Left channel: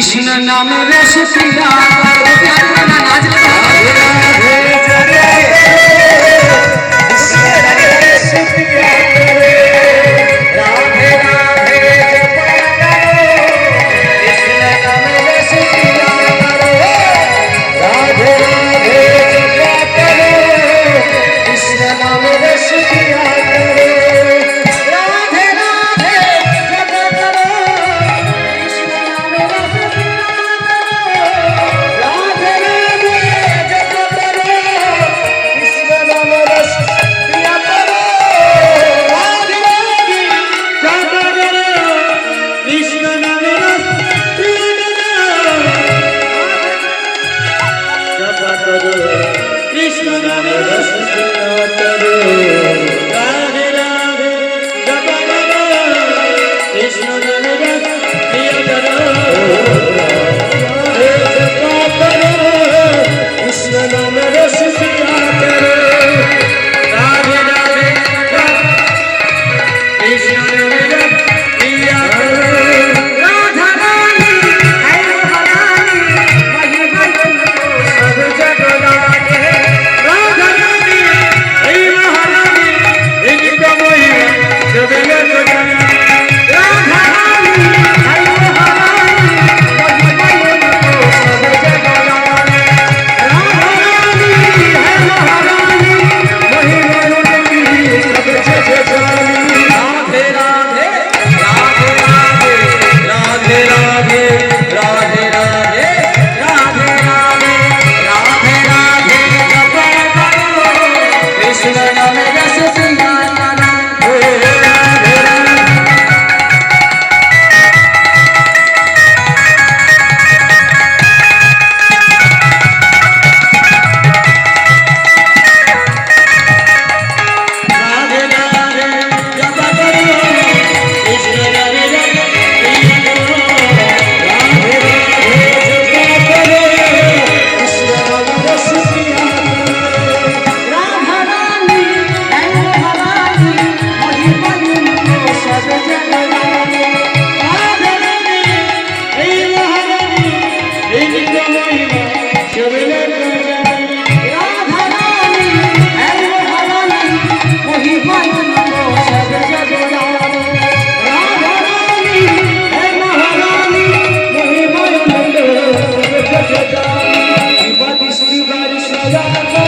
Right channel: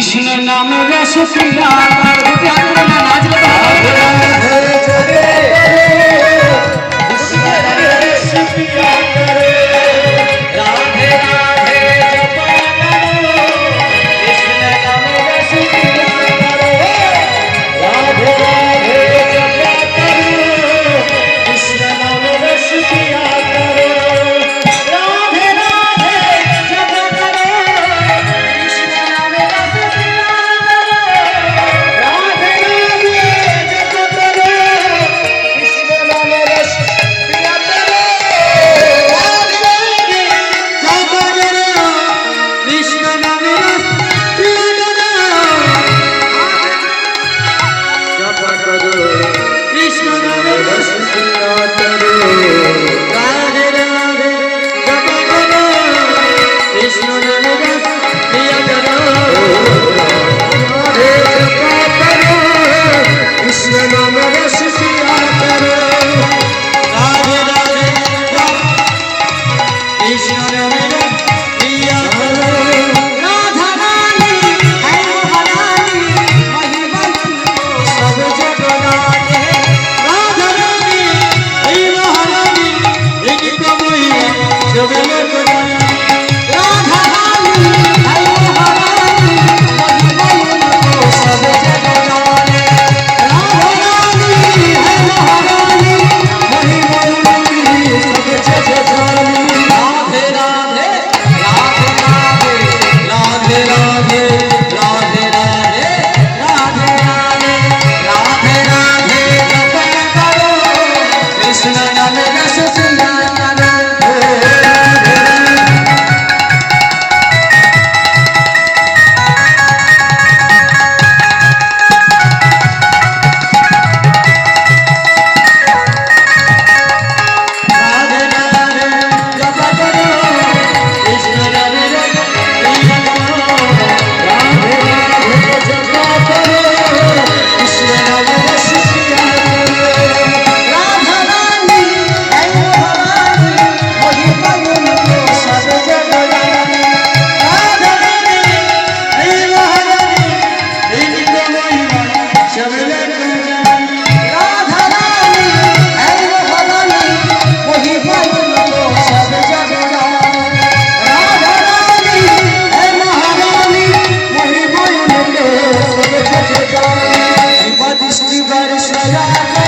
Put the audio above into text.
কৃষ্ণ নামে রস পিয়া Yeah, la la